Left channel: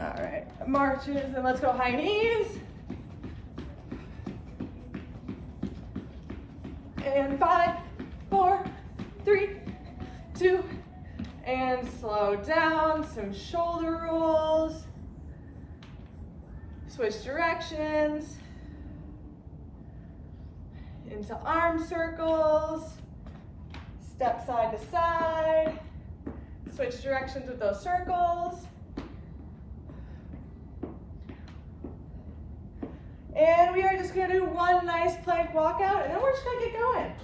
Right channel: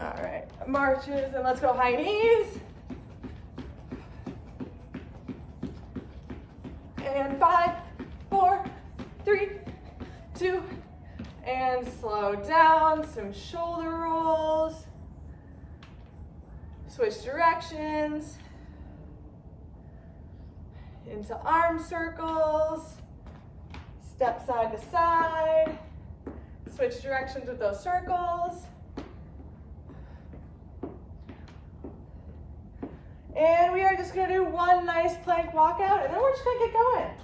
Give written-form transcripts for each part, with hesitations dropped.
All right, marches, and let's go high knees. And 5, 4, 3, 2, and slow down, some shoulder rolls. Switch directions into arm circles, step side to side, switch directions with those circles. And we are just gonna do one nice plank walkout, and then we're just gonna get going.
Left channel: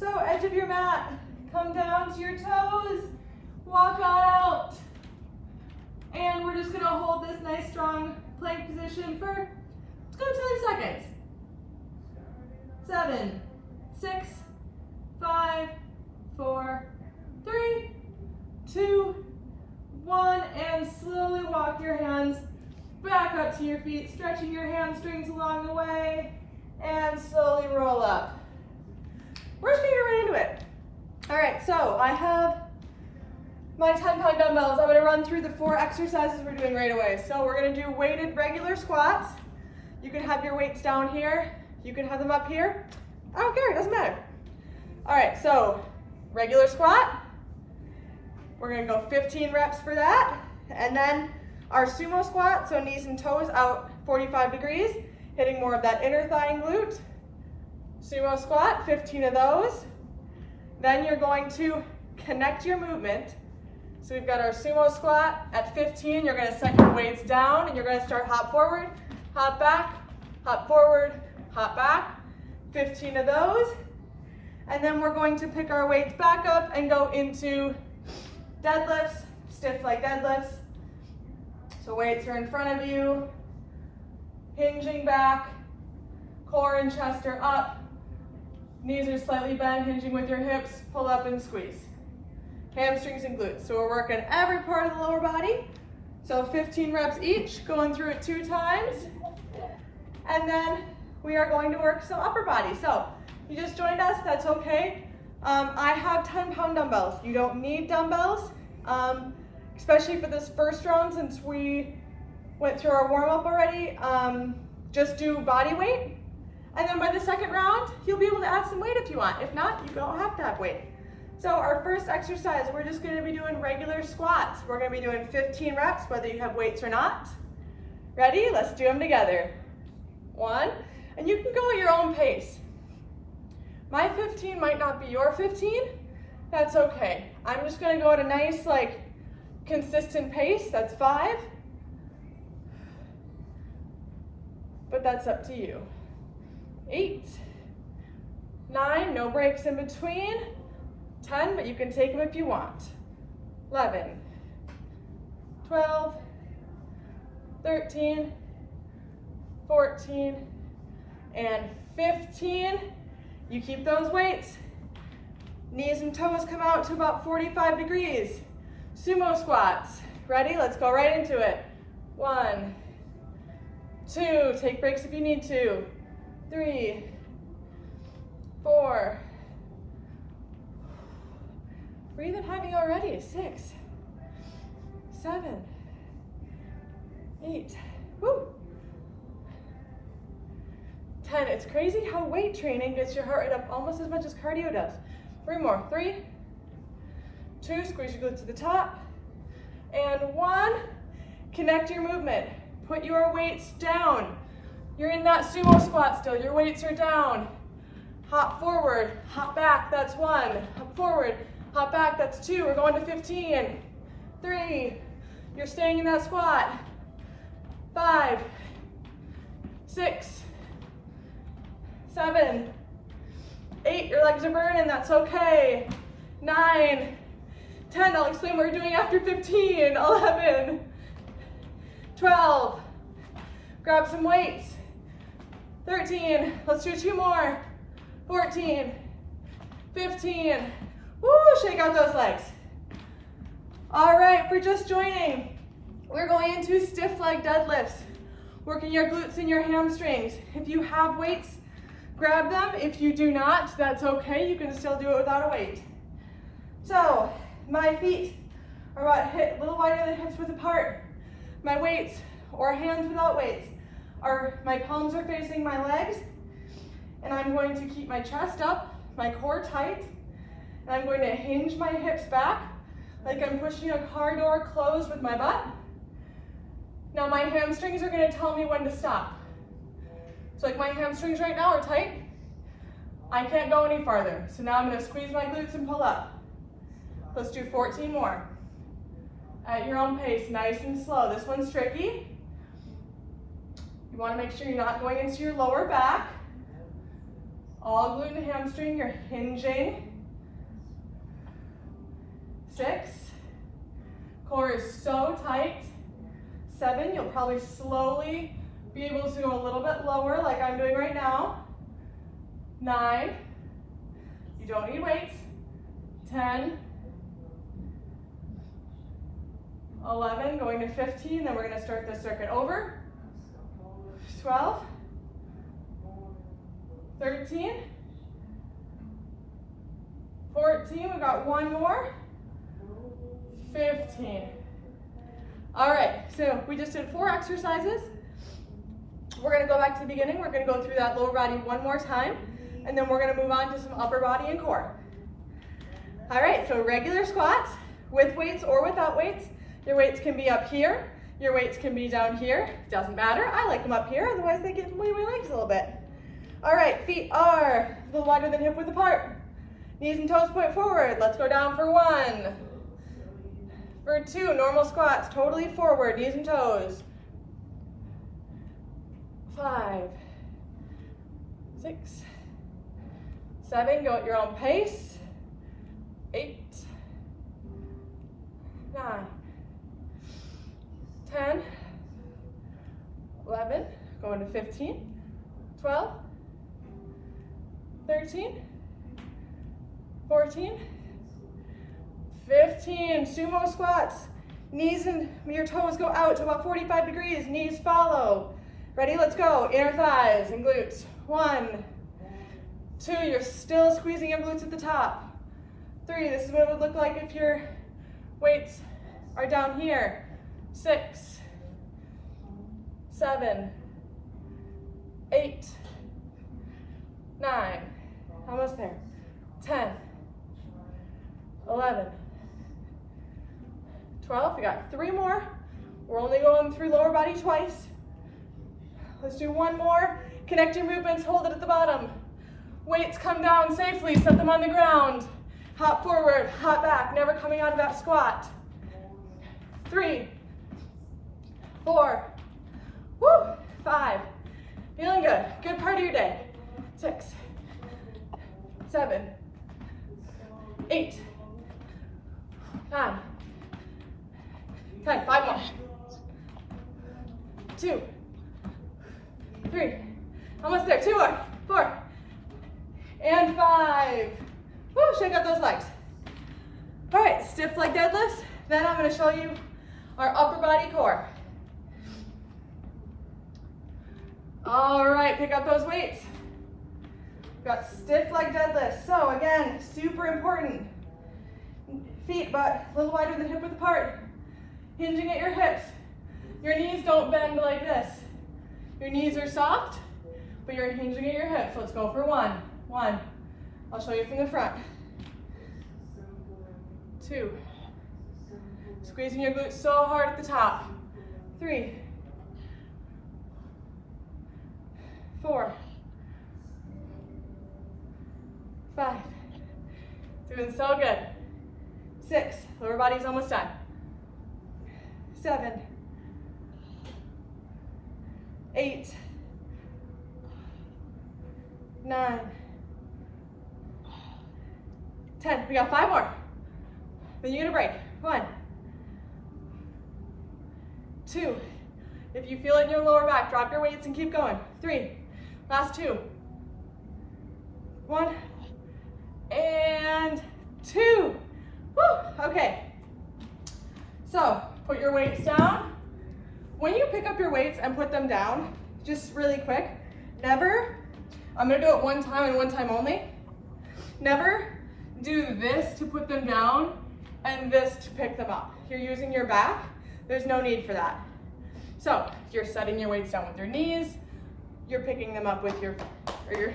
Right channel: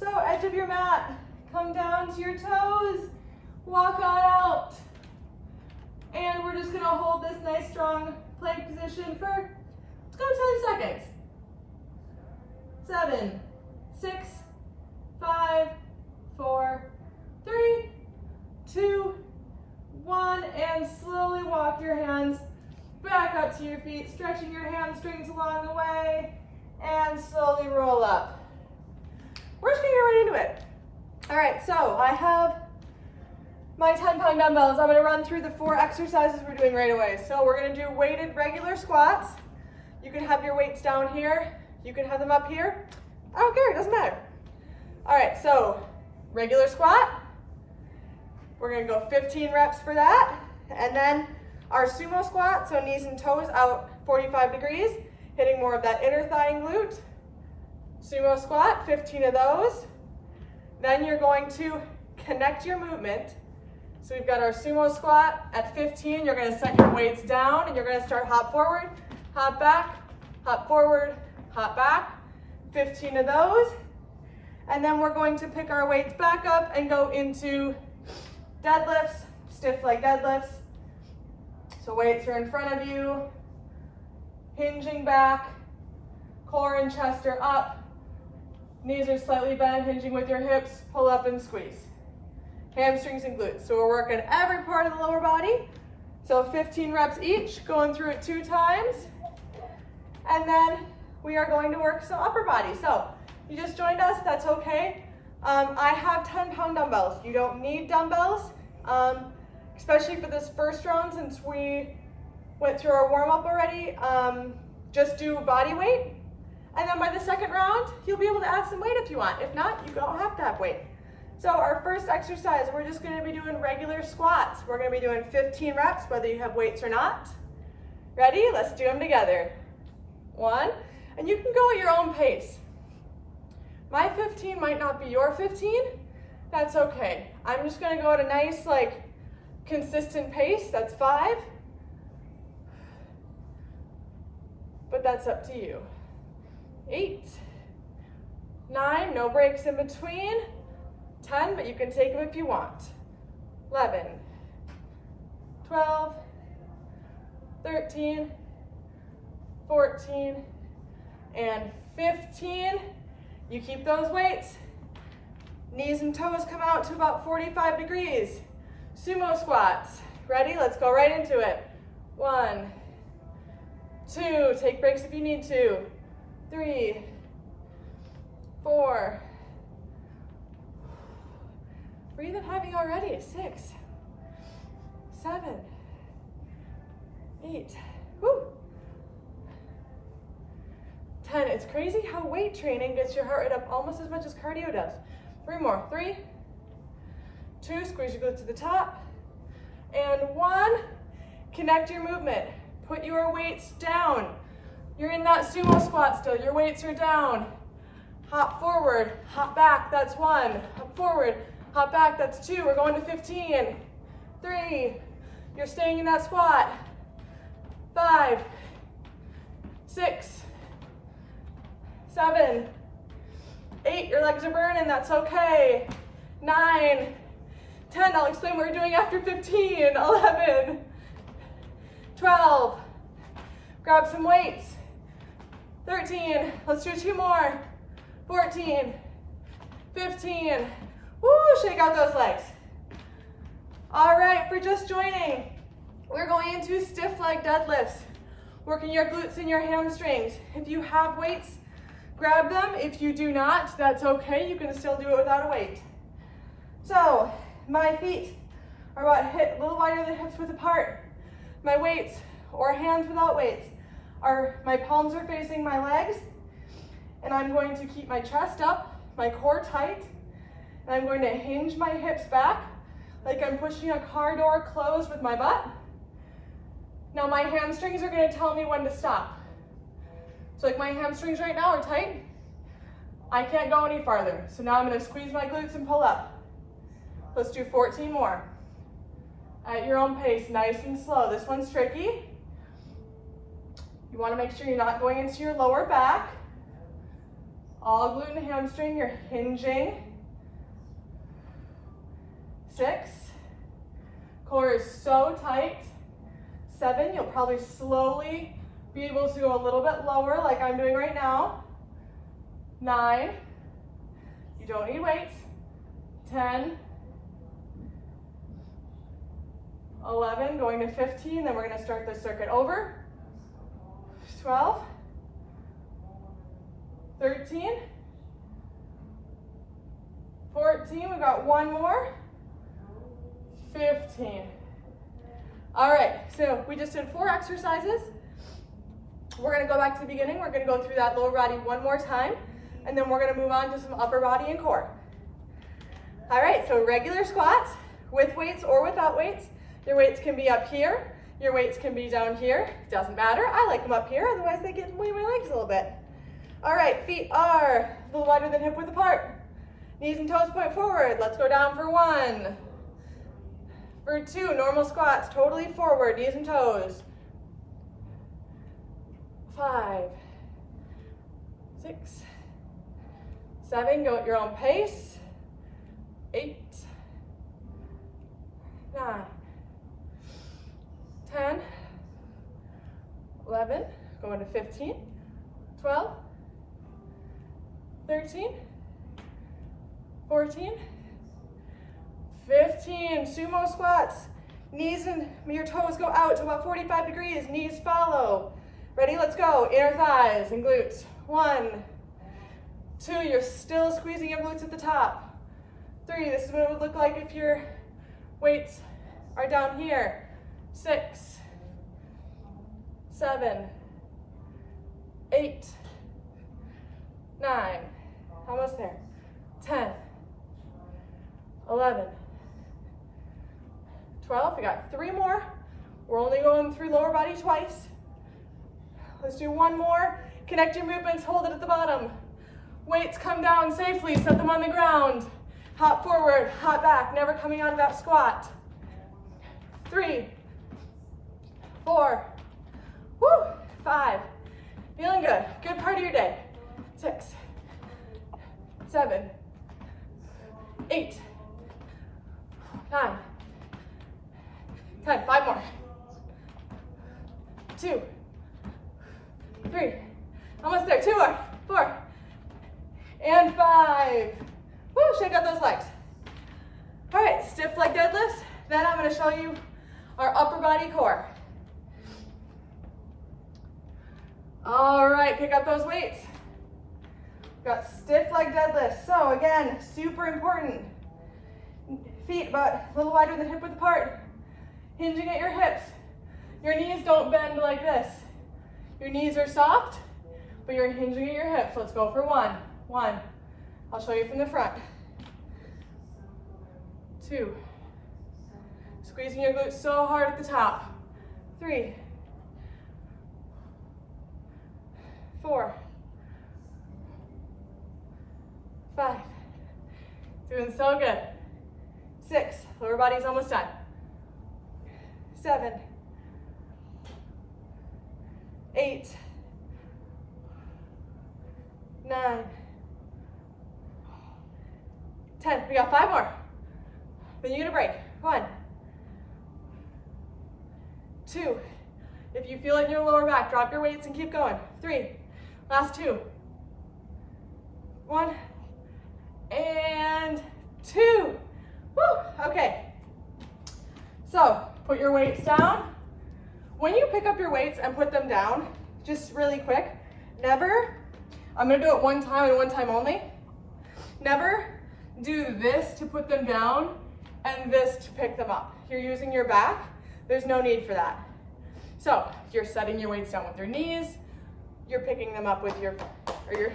So edge of your mat, come down to your toes, walk on out. And we're just gonna hold this nice strong plank position for, let's go 10 seconds. 7, 6, 5, 4, 3, 2, 1, and slowly walk your hands back up to your feet, stretching your hamstrings along the way, and slowly roll up. We're just gonna get right into it. All right, so I have my 10-pound dumbbells. I'm gonna run through the 4 exercises we're doing right away. So we're gonna do weighted regular squats. You can have your weights down here. You can have them up here. I don't care, it doesn't matter. All right, so regular squat. We're gonna go 15 reps for that. And then our sumo squat, so knees and toes out 45 degrees, hitting more of that inner thigh and glute. Sumo squat, 15 of those. Then you're going to connect your movement. So we've got our sumo squat at 15. You're gonna set your weights down and you're gonna start hop forward, hop back, hop forward, hop back. 15 of those. And then we're going to pick our weights back up and go into deadlifts, stiff leg deadlifts. So weights are in front of you, hinging back, core and chest are up, knees are slightly bent, hinging with your hips, pull up and squeeze. Hamstrings and glutes. So we're working every part of the lower body. So 15 reps each, going through it 2 times. And then we are going to work some upper body. So you just joined us, that's okay. I have 10-pound dumbbells. You don't need dumbbells, especially for this first round since we went through our warm-up already. Just do body weight. And then by the second round, you'll be able to add some weight if you want. If not, you don't have to have weight. So our first exercise, we're just gonna be doing regular squats. We're gonna be doing 15 reps, whether you have weights or not. Ready? Let's do them together. 1, and you can go at your own pace. My 15 might not be your 15. That's okay. I'm just gonna go at a nice, consistent pace. That's 5. But that's up to you. 8, 9, no breaks in between. 10, but you can take them if you want. 11, 12, 13, 14, and 15. You keep those weights. Knees and toes come out to about 45 degrees. Sumo squats. Ready? Let's go right into it. 1, 2, take breaks if you need to. 3, 4. Breathing heavy already. 6, 7, 8. Woo. 10. It's crazy how weight training gets your heart rate up almost as much as cardio does. 3 more. 3, 2, squeeze your glutes to the top. And 1, connect your movement. Put your weights down. You're in that sumo squat still. Your weights are down. Hop forward, hop back, that's 1. Hop forward, hop back, that's 2. We're going to 15. 3, you're staying in that squat. 5, 6, 7, 8, your legs are burning, that's okay. 9, 10, I'll explain what we're doing after 15. 11, 12, grab some weights. 13, let's do 2 more. 14, 15, woo, shake out those legs. All right, for just joining, we're going into stiff leg deadlifts, working your glutes and your hamstrings. If you have weights, grab them. If you do not, that's okay. You can still do it without a weight. So my feet are about a little wider than hips width apart. My weights, or hands without weights, my palms are facing my legs, and I'm going to keep my chest up, my core tight, and I'm going to hinge my hips back like I'm pushing a car door closed with my butt. Now my hamstrings are going to tell me when to stop. So like my hamstrings right now are tight. I can't go any farther. So now I'm going to squeeze my glutes and pull up. Let's do 14 more. At your own pace, nice and slow. This one's tricky. You want to make sure you're not going into your lower back. All glute and hamstring, you're hinging. 6. Core is so tight. 7, you'll probably slowly be able to go a little bit lower like I'm doing right now. 9, you don't need weights. 10, 11, going to 15, then we're going to start the circuit over. 12, 13, 14, we've got one more, 15. All right, so we just did 4 exercises. We're gonna go back to the beginning. We're gonna go through that lower body one more time, and then we're gonna move on to some upper body and core. All right, so regular squats with weights or without weights. Your weights can be up here. Your weights can be down here. Doesn't matter. I like them up here, otherwise they get in the way of my legs a little bit. All right, feet are a little wider than hip width apart. Knees and toes point forward. Let's go down for 1. For 2, normal squats, totally forward, knees and toes. 5, 6, 7, go at your own pace. 8, 9, 10, 11, go into 15, 12, 13, 14, 15, sumo squats. Knees and your toes go out to about 45 degrees, knees follow. Ready, let's go. Inner thighs and glutes. 1, 2, you're still squeezing your glutes at the top. 3, this is what it would look like if your weights are down here. 6, 7, 8, 9, almost there. 10, 11, 12, we got 3 more. We're only going through lower body twice. Let's do 1 more. Connect your movements, hold it at the bottom. Weights come down safely, set them on the ground. Hop forward, hop back, never coming out of that squat. 3, 4, woo, 5, feeling good. Good part of your day. 6, 7, 8, 9, 10, 5 more. 2, 3, almost there, 2 more, 4, and 5. Woo, shake out those legs. All right, stiff leg deadlifts. Then I'm gonna show you our upper body core. All right, pick up those weights. We've got stiff leg deadlifts. So again, super important. Feet about a little wider than hip width apart. Hinging at your hips. Your knees don't bend like this. Your knees are soft, but you're hinging at your hips. Let's go for 1. 1. I'll show you from the front. 2. Squeezing your glutes so hard at the top. 3. 4. 5. Doing so good. 6. Lower body's almost done. 7. 8. 9. 10. We got 5 more. Then you're gonna break. 1. 2. If you feel it in your lower back, drop your weights and keep going. 3. Last 2. 1. And 2. Woo! Okay. So, put your weights down. When you pick up your weights and put them down, just really quick, never, I'm gonna do it 1 time and 1 time only. Never do this to put them down and this to pick them up. You're using your back. There's no need for that. So you're setting your weights down with your knees. You're picking them up with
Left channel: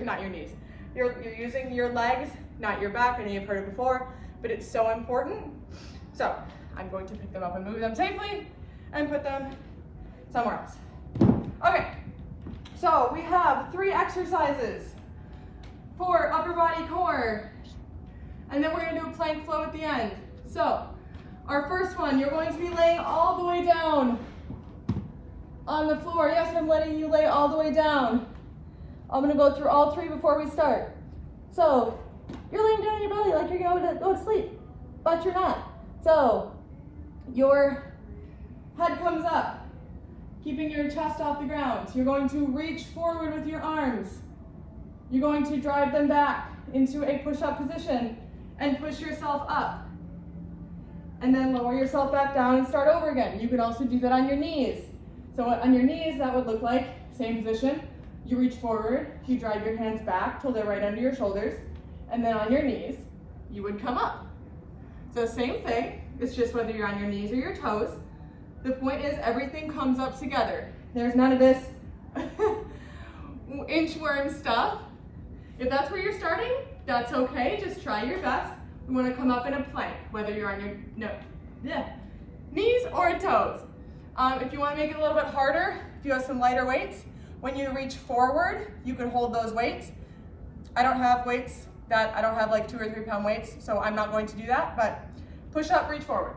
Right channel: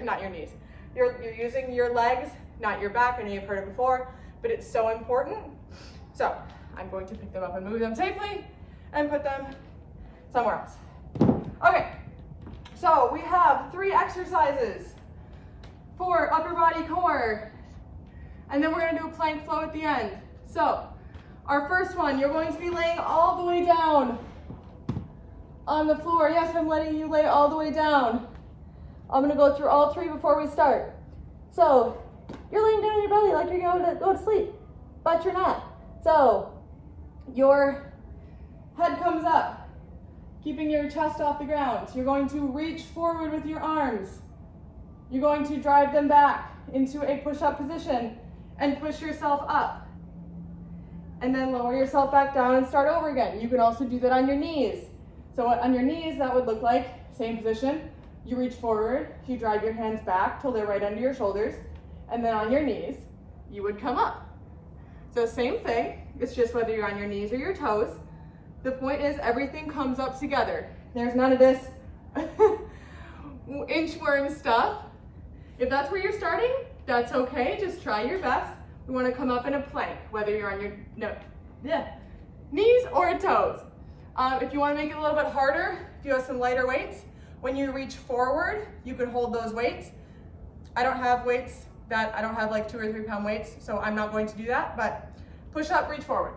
not your knees. You're using your legs, not your back. I know you've heard it before, but it's so important. So I'm going to pick them up and move them safely and put them somewhere else. Okay, so we have 3 exercises for upper body core, and then we're gonna do a plank flow at the end. So our first one, you're going to be laying all the way down on the floor. Yes, I'm letting you lay all the way down. I'm gonna go through all 3 before we start. So you're laying down on your belly like you're going to go to sleep, but you're not. So your head comes up, keeping your chest off the ground. You're going to reach forward with your arms. You're going to drive them back into a push-up position and push yourself up. And then lower yourself back down and start over again. You can also do that on your knees. So on your knees, that would look like, same position. You reach forward, you drive your hands back till they're right under your shoulders. And then on your knees, you would come up. So same thing, it's just whether you're on your knees or your toes. The point is everything comes up together. There's none of this inchworm stuff. If that's where you're starting, that's okay, just try your best. We want to come up in a plank, whether you're on your knees or toes. If you want to make it a little bit harder, if you have some lighter weights, when you reach forward, you can hold those weights. I don't have weights I don't have like 2 or 3 pound weights, so I'm not going to do that, but push up, reach forward.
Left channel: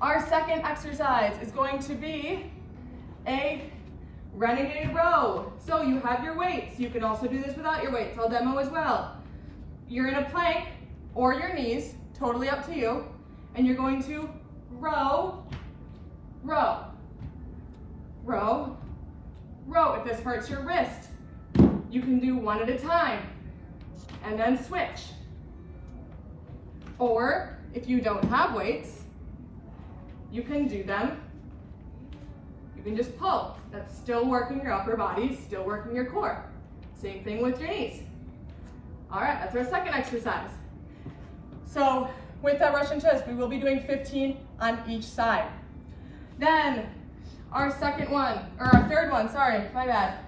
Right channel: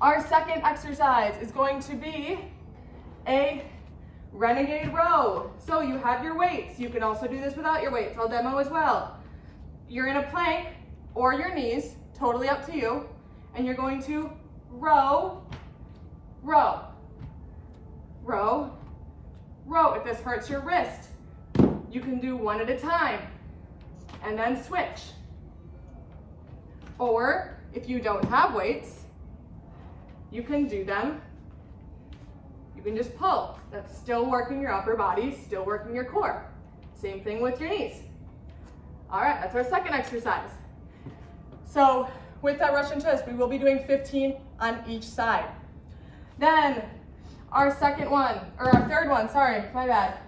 Our second exercise is going to be a renegade row. So you have your weights. You can also do this without your weights. I'll demo as well. You're in a plank or your knees, totally up to you, and you're going to row, row, row, row. If this hurts your wrist, you can do 1 at a time and then switch. Or if you don't have weights, you can do them. You can just pull. That's still working your upper body, still working your core. Same thing with your knees. All right, that's our second exercise. So with that Russian twist, we will be doing 15 on each side. Then our third one, sorry, my bad.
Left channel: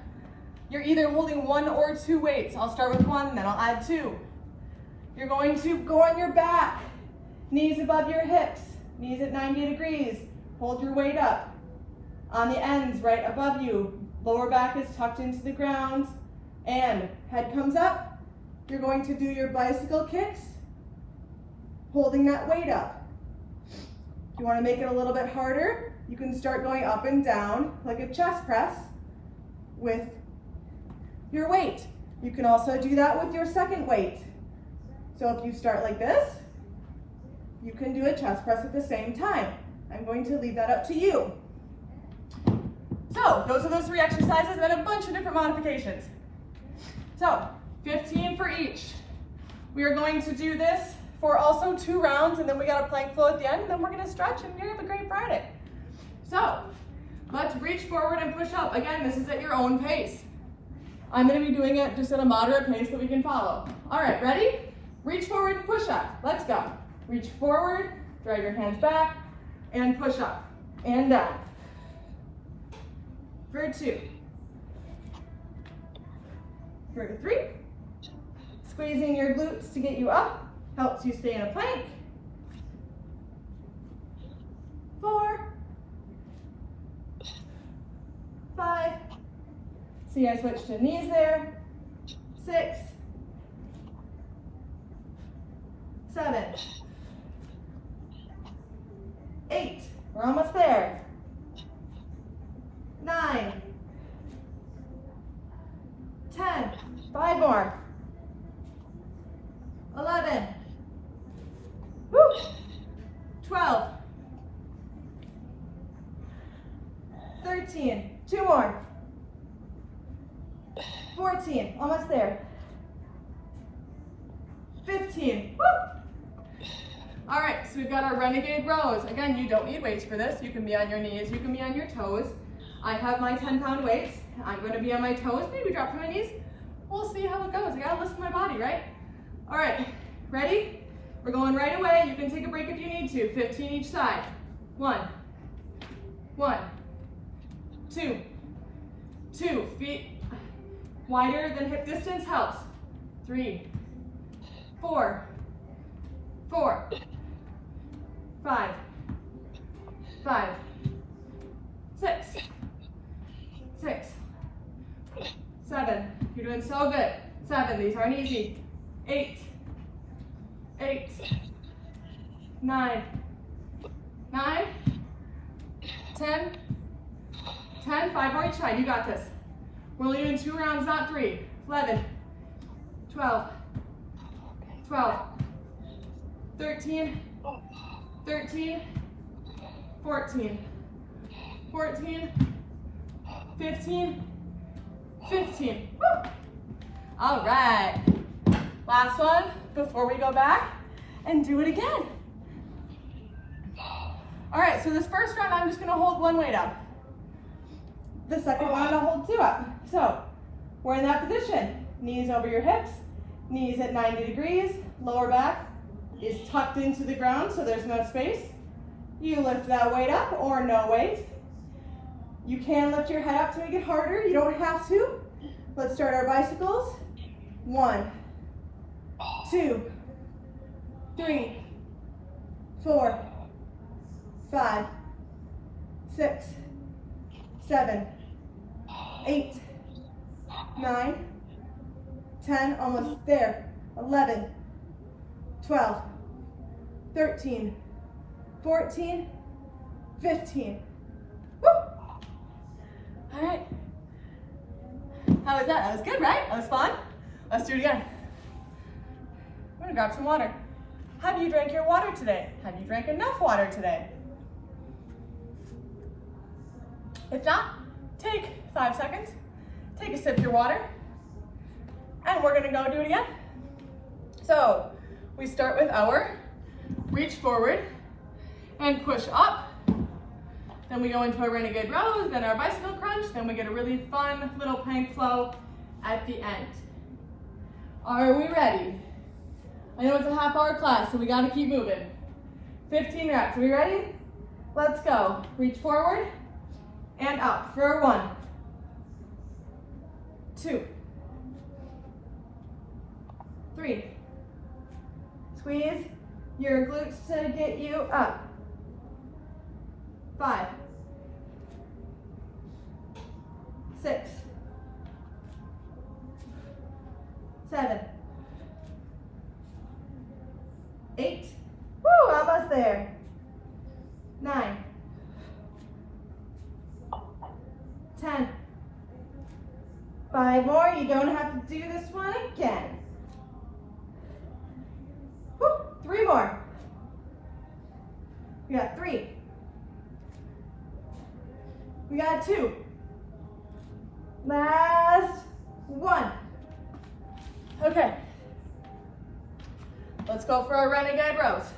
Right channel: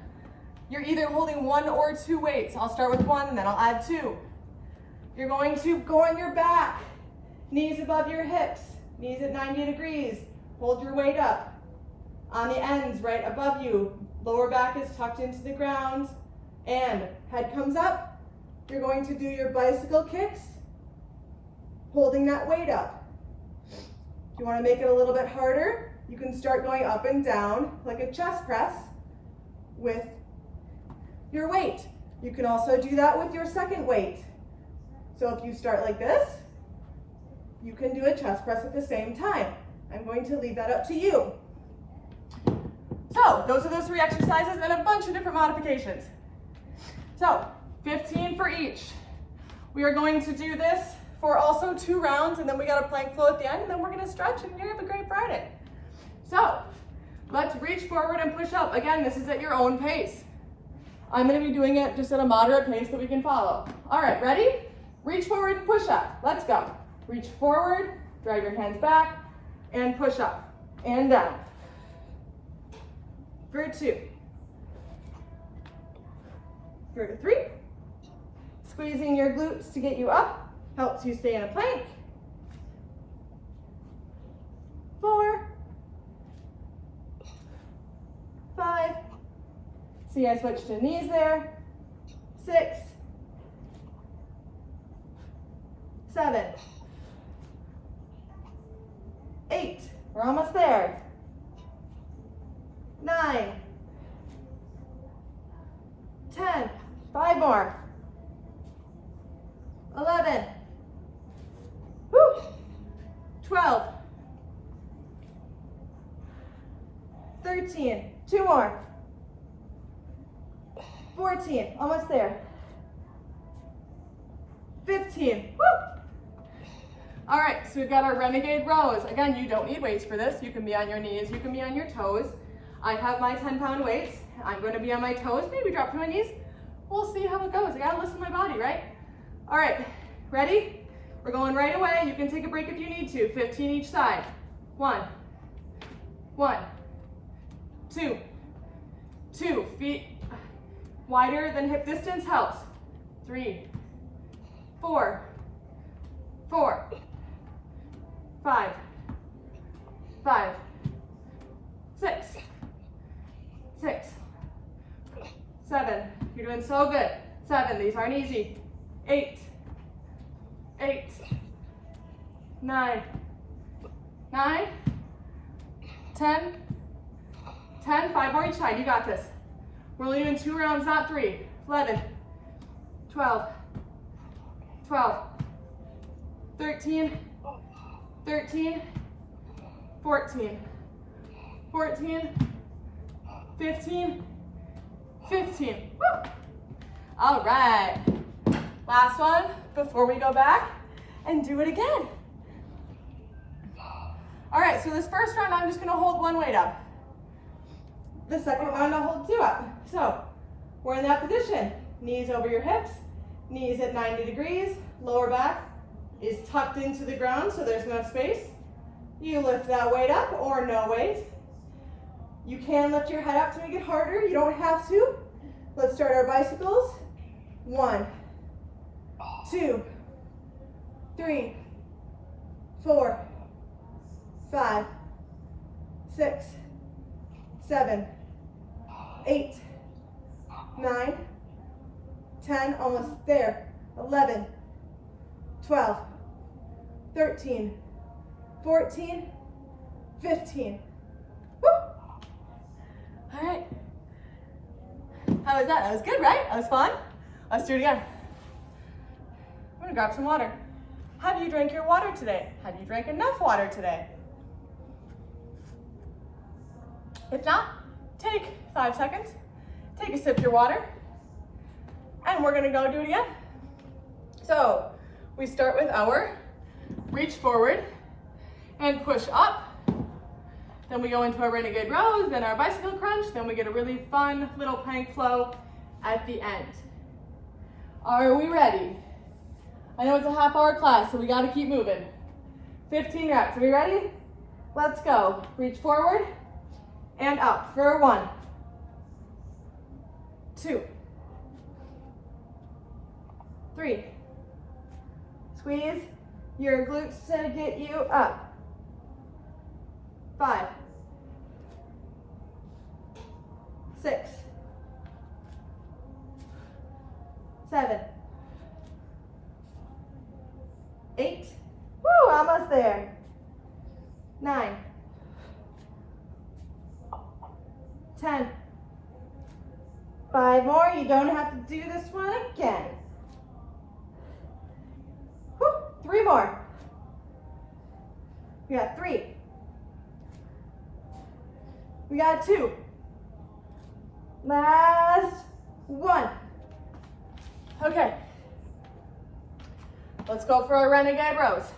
You're either holding 1 or 2 weights. I'll start with 1, and then I'll add 2. You're going to go on your back, knees above your hips, knees at 90 degrees. Hold your weight up. On the ends, right above you, lower back is tucked into the ground, and head comes up. You're going to do your bicycle kicks, holding that weight up. If you want to make it a little bit harder, you can start going up and down like a chest press with your weight. You can also do that with your second weight. So if you start like this, you can do a chest press at the same time. I'm going to leave that up to you. So those are those 3 exercises and a bunch of different modifications. So 15 for each. We are going to do this for also 2 rounds, and then we got a plank flow at the end, and then we're gonna stretch and have a great Friday. So let's reach forward and push up. Again, this is at your own pace. I'm gonna be doing it just at a moderate pace that we can follow. All right, ready? Reach forward, push up. Let's go. Reach forward, drag your hands back, and push up and down. For 2. For 3. Squeezing your glutes to get you up, helps you stay in a plank. 4. 5. See, I switched to knees there. 6. 7. 8. We're almost there. 9. 10. 5 more. 11. Woo. 12. 13. 2 more. 14. Almost there. 15. Woo. All right, so we've got our renegade rows. Again, you don't need weights for this. You can be on your knees, you can be on your toes. I have my 10-pound weights. I'm going to be on my toes, maybe drop to my knees. We'll see how it goes. I got to listen to my body, right? All right, ready? We're going right away. You can take a break if you need to. 15 each side. 1, 1, 2, 2, feet wider than hip distance helps. 3, 4, 4, 5, 5, 6, 6, 7, you're doing so good. 7, these aren't easy. 8, 8, 9, 9, 10, 10, 5 more each side, you got this. We're only doing 2 rounds, not 3. 11, 12, 12, 13, 13, 14, 14, 15, 15. Woo! All right, last one before we go back and do it again. All right, so this first round, I'm just gonna hold 1 weight up. The second round, I'll hold 2 up. So we're in that position. Knees over your hips, knees at 90 degrees, lower back is tucked into the ground so there's enough space. You lift that weight up or no weight. You can lift your head up to make it harder. You don't have to. Let's start our bicycles. 1, 2, 3, 4, 5, 6, 7, 8, 9, 10, almost there, 11, 12, 13, 14, 15. Woo! All right. How was that? That was good, right? That was fun? Let's do it again. I'm gonna grab some water. Have you drank your water today? Have you drank enough water today? If not, take 5 seconds, take a sip of your water, and we're gonna go do it again. So we start with our reach forward and push up. Then we go into our renegade rows, then our bicycle crunch, then we get a really fun little plank flow at the end. Are we ready? I know it's a half-hour class, so we gotta keep moving. 15 reps, are we ready? Let's go. Reach forward and up for 1, 2, 3. Squeeze your glutes to get you up. 5, 6, 7, 8. Woo, almost there. 9, 10. 5 more. You don't have to do this one again. Woo, 3 more. We got 3. We got 2. Last 1. Okay. Let's go for our renegade rows.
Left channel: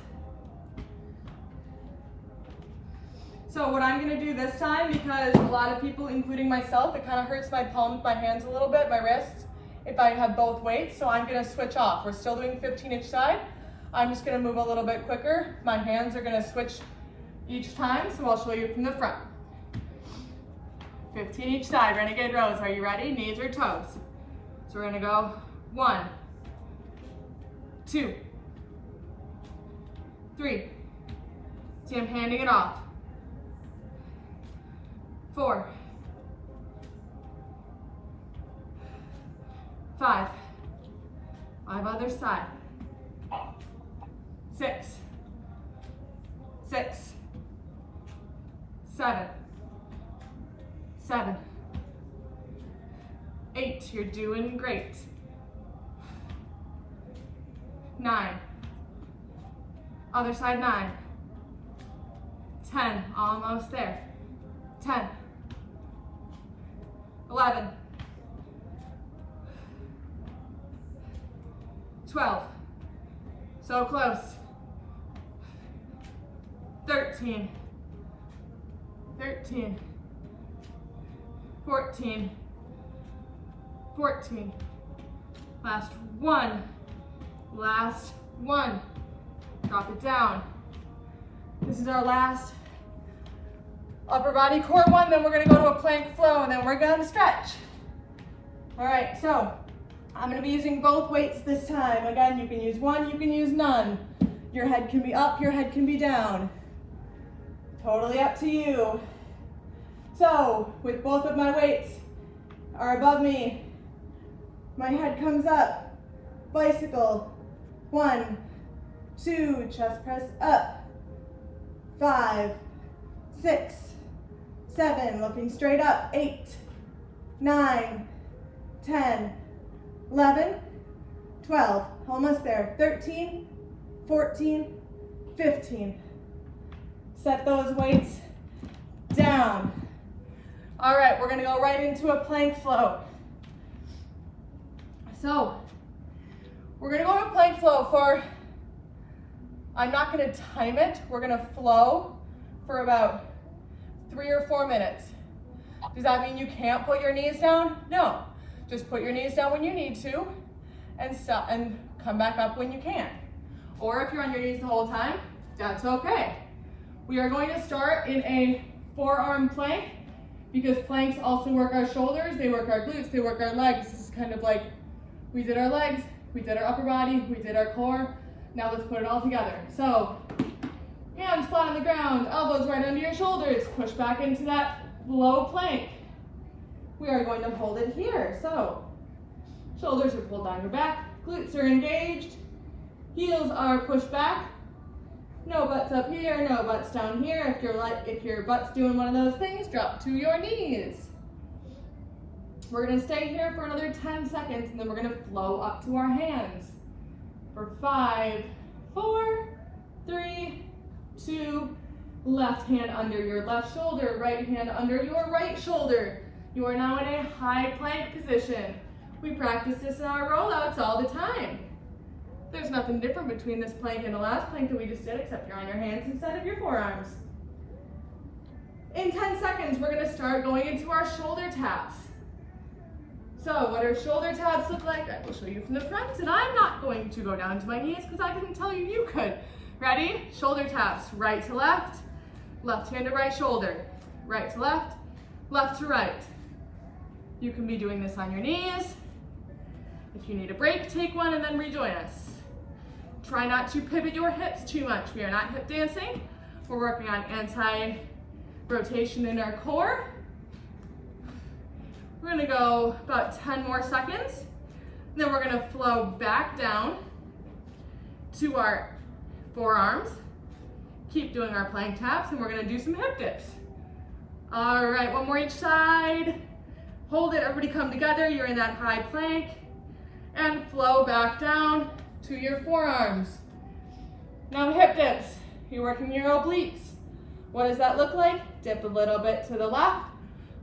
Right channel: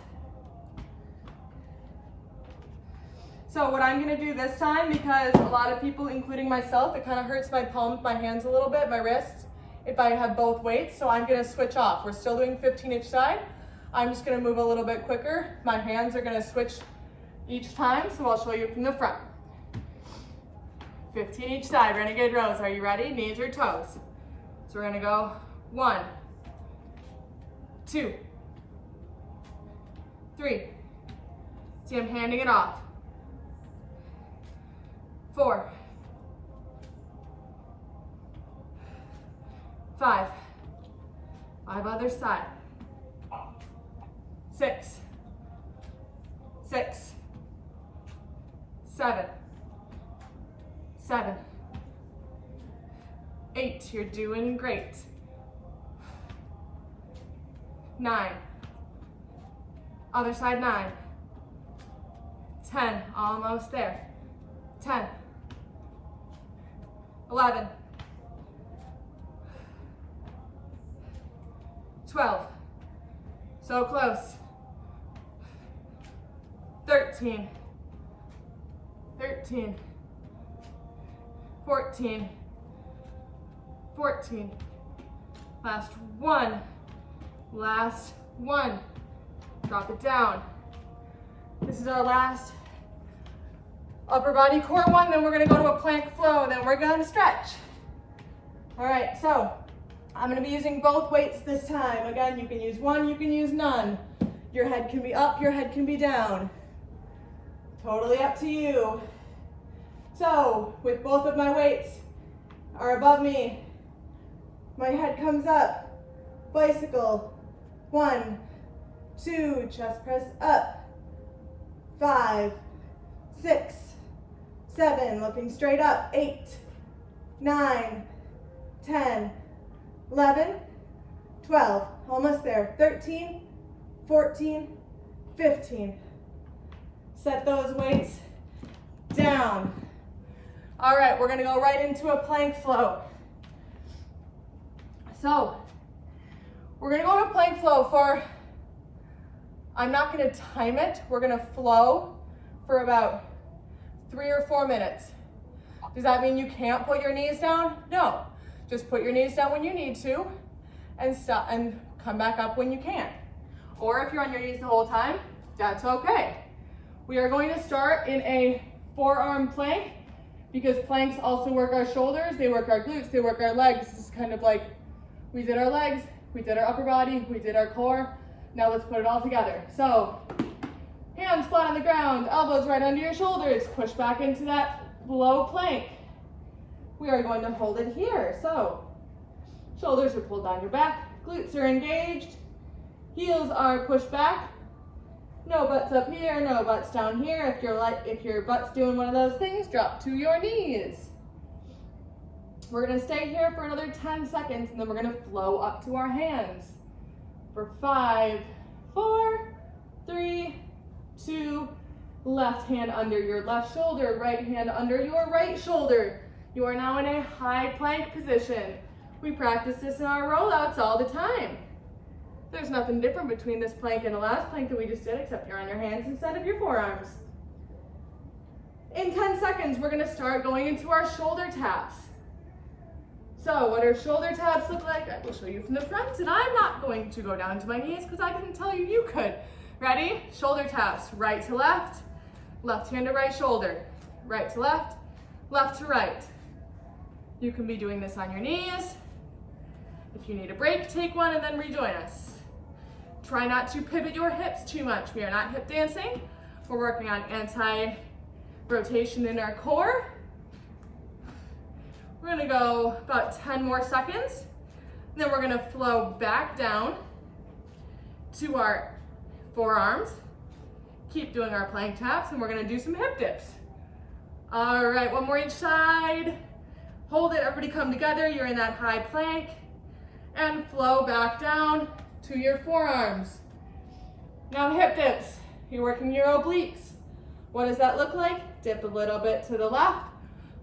So what I'm gonna do this time, because a lot of people, including myself, it kind of hurts my palms, my hands a little bit, my wrists, if I have both weights, so I'm gonna switch off. We're still doing 15 each side. I'm just gonna move a little bit quicker. My hands are gonna switch each time, so I'll show you from the front. 15 each side, renegade rows. Are you ready? Knees or toes? So we're gonna go 1, 2, 3. See, I'm handing it off. 4, 5. 5 other side. 6, 6, 7, 7, 8. You're doing great. 9. Other side, 9. 10. Almost there. 10. 11. 12. So close. 13. 13. 14. 14. Last 1. Last 1. Drop it down. This is our last Upper body core one, then we're gonna go to a plank flow, and then we're gonna stretch. All right, so I'm gonna be using both weights this time. Again, you can use one, you can use none. Your head can be up, your head can be down. Totally up to you. So, with both of my weights are above me, my head comes up, bicycle, 1, 2, chest press up, 5, 6, 7, looking straight up, 8, 9, 10, 11, 12, almost there, 13, 14, 15. Set those weights down. All right, we're gonna go right into a plank flow. So, we're gonna go to plank flow for, I'm not gonna time it, we're gonna flow for about 3 or 4 minutes. Does that mean you can't put your knees down? No, just put your knees down when you need to and stop and come back up when you can. Or if you're on your knees the whole time, that's okay. We are going to start in a forearm plank because planks also work our shoulders, they work our glutes, they work our legs. This is kind of like we did our legs, we did our upper body, we did our core. Now let's put it all together. So, hands flat on the ground, elbows right under your shoulders. Push back into that low plank. We are going to hold it here. So, shoulders are pulled down your back, glutes are engaged, heels are pushed back. No butts up here, no butts down here. If your butt's doing one of those things, drop to your knees. We're gonna stay here for another 10 seconds and then we're gonna flow up to our hands. For 5, 4, 3, 2, left hand under your left shoulder, right hand under your right shoulder. You are now in a high plank position. We practice this in our rollouts all the time. There's nothing different between this plank and the last plank that we just did, except you're on your hands instead of your forearms. In 10 seconds, we're gonna start going into our shoulder taps. So what our shoulder taps look like, I will show you from the front, and I'm not going to go down to my knees because I didn't tell you you could. Ready? Shoulder taps, right to left hand to right shoulder, right to left to right. You can be doing this on your knees. If you need a break, take one and then rejoin us. Try not to pivot your hips too much. We are not hip dancing. We're working on anti-rotation in our core. We're gonna go about 10 more seconds. And then we're gonna flow back down to our forearms. Keep doing our plank taps and we're gonna do some hip dips. All right, one more each side. Hold it, everybody come together. You're in that high plank. And flow back down to your forearms. Now hip dips. You're working your obliques. What does that look like? Dip a little bit to the left,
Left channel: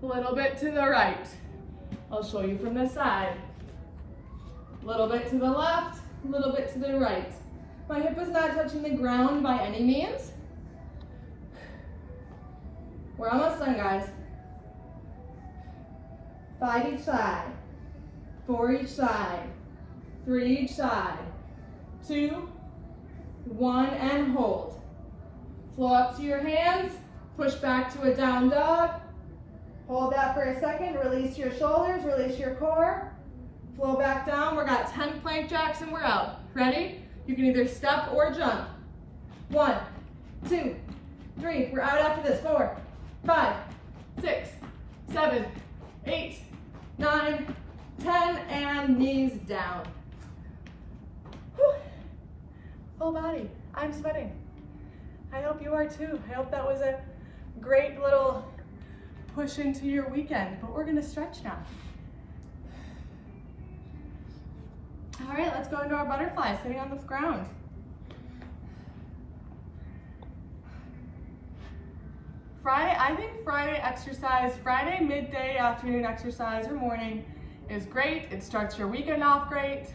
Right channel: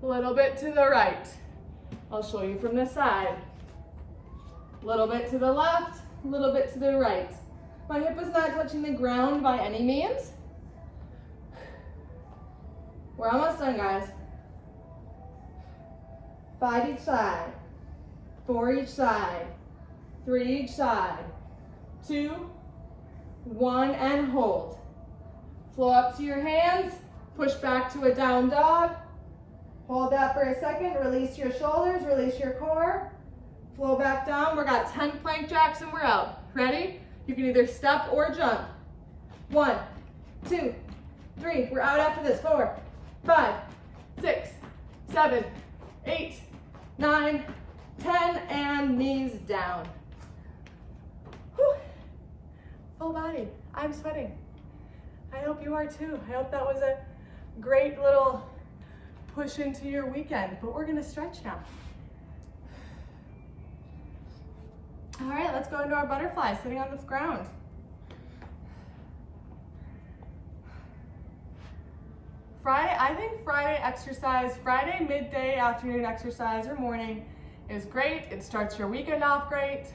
a little bit to the right. I'll show you from this side. A little bit to the left, a little bit to the right. My hip is not touching the ground by any means. We're almost done, guys. 5 each side, 4 each side, 3 each side, 2, 1, and hold. Flow up to your hands, push back to a down dog. Hold that for a second, release your shoulders, release your core. Flow back down, we got 10 plank jacks and we're out. Ready? You can either step or jump. 1, 2, 3, we're out after this. 4, 5, 6, 7, 8, 9, 10, and knees down. Whew. Full body, I'm sweating. I hope you are too. I hope that was a great little push into your weekend, but we're gonna stretch now. All right, let's go into our butterfly, sitting on the ground. Friday, I think Friday exercise, Friday midday, afternoon exercise, or morning is great. It starts your weekend off great.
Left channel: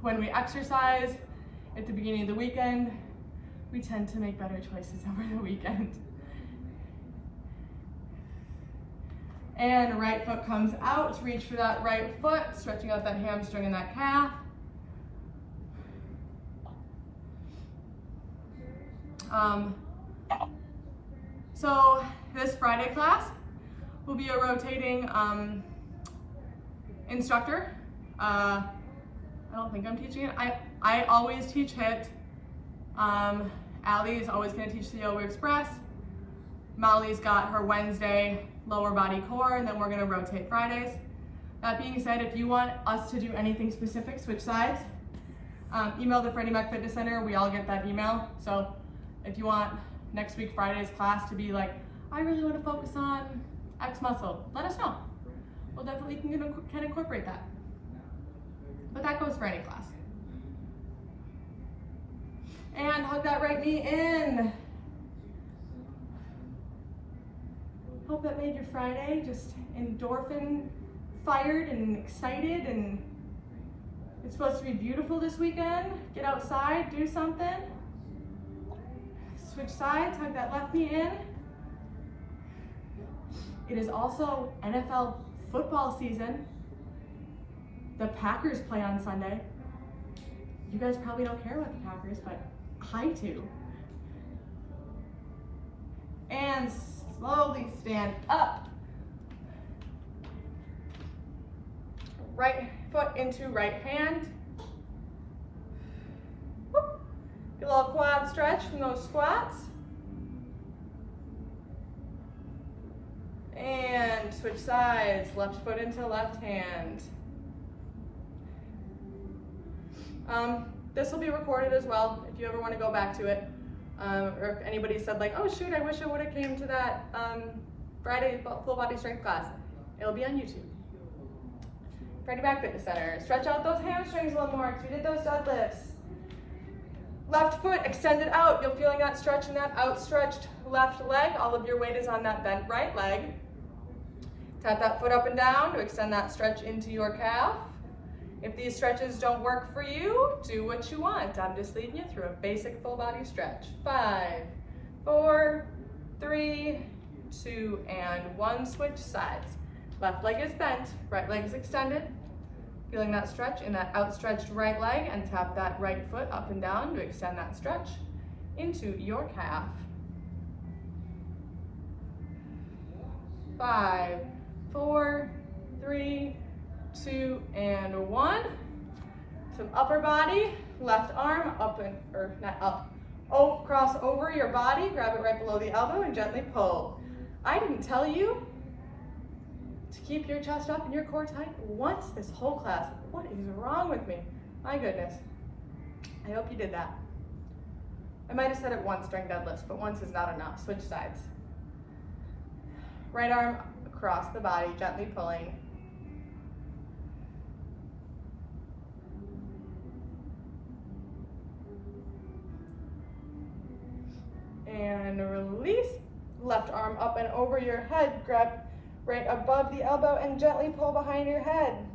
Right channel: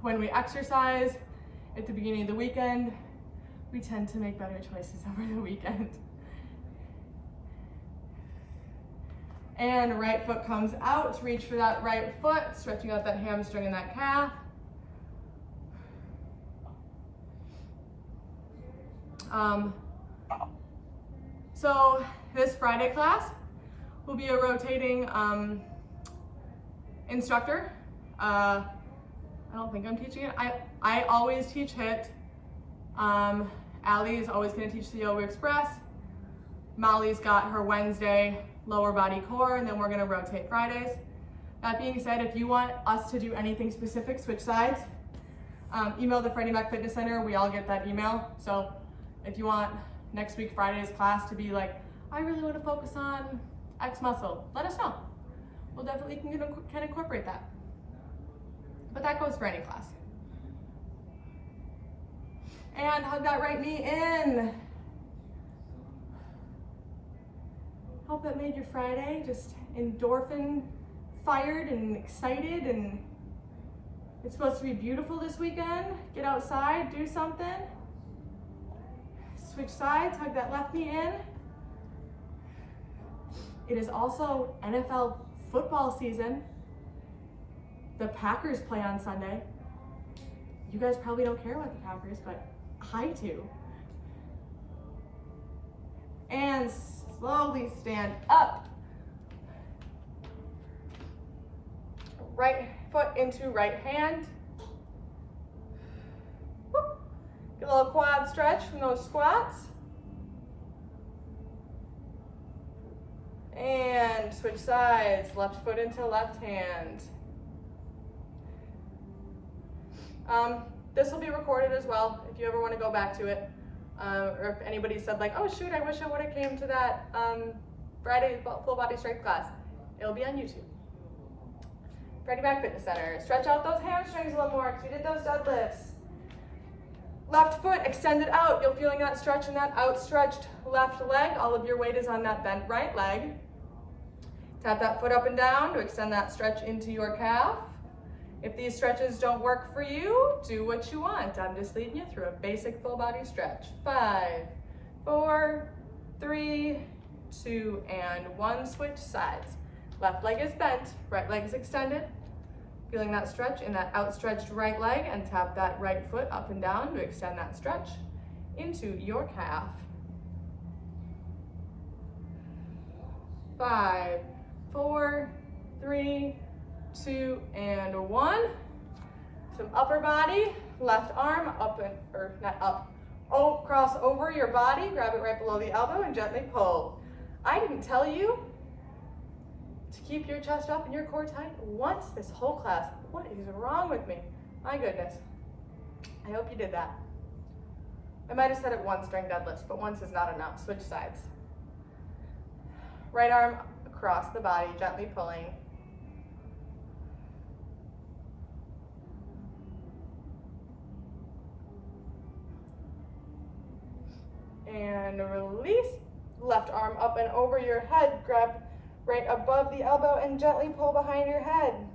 When we exercise at the beginning of the weekend, we tend to make better choices over the weekend. And right foot comes out, reach for that right foot, stretching out that hamstring and that calf. So this Friday class will be a rotating instructor. I don't think I'm teaching it. I always teach HIIT. Allie is always going to teach the Yoga Express. Molly's got her Wednesday lower body core, and then we're going to rotate Fridays. That being said, if you want us to do anything specific, switch sides, email the Freddie Mac Fitness Center. We all get that email. So if you want next week Friday's class to be like, I really want to focus on X muscle, let us know. We'll definitely can incorporate that. But that goes for any class. And hug that right knee in. Hope that made your Friday just endorphin fired and excited, and it's supposed to be beautiful this weekend. Get outside, do something. Switch sides, hug that left knee in. It is also NFL football season. The Packers play on Sunday. You guys probably don't care about the Packers, but I do. And slowly stand up. Right foot into right hand. Whoop. Get a little quad stretch from those squats. And switch sides, left foot into left hand. This will be recorded as well if you ever want to go back to it. Or if anybody said like, oh shoot, I wish I would have came to that Friday full body strength class. It'll be on YouTube. Freddie Mac Fitness Center. Stretch out those hamstrings a little more because we did those deadlifts. Left foot extended out. You're feeling that stretch in that outstretched left leg. All of your weight is on that bent right leg. Tap that foot up and down to extend that stretch into your calf. If these stretches don't work for you, do what you want. I'm just leading you through a basic full body stretch. 5, 4, 3, 2, and 1. Switch sides. Left leg is bent, right leg is extended. Feeling that stretch in that outstretched right leg, and tap that right foot up and down to extend that stretch into your calf. 5, 4, 3, 2, and 1. Some upper body, left arm up and, or not up, oh, cross over your body, grab it right below the elbow and gently pull. I didn't tell you to keep your chest up and your core tight once this whole class. What is wrong with me? My goodness. I hope you did that. I might have said it once during deadlifts, but once is not enough. Switch sides. Right arm across the body, gently pulling. And release. Left arm up and over your head. Grab right above the elbow and gently pull behind your head.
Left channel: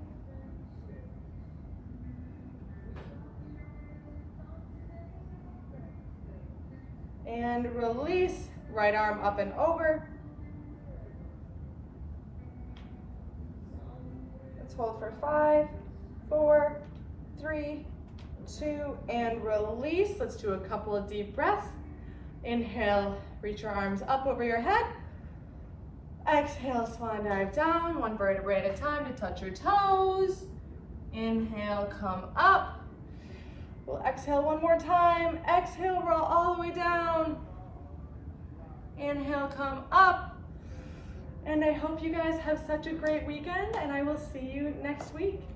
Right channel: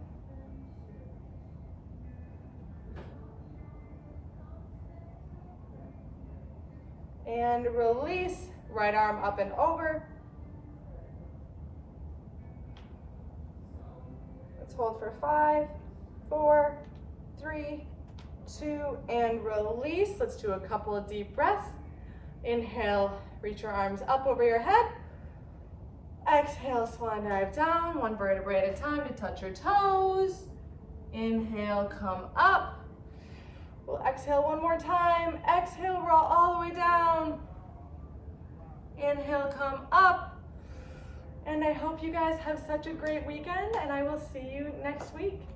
And release. Right arm up and over. Let's hold for 5, 4, 3, 2, and release. Let's do a couple of deep breaths. Inhale, reach your arms up over your head. Exhale, swan dive down, one vertebrae at a time to touch your toes. Inhale, come up. We'll exhale one more time. Exhale, roll all the way down. Inhale, come up. And I hope you guys have such a great weekend, and I will see you next week.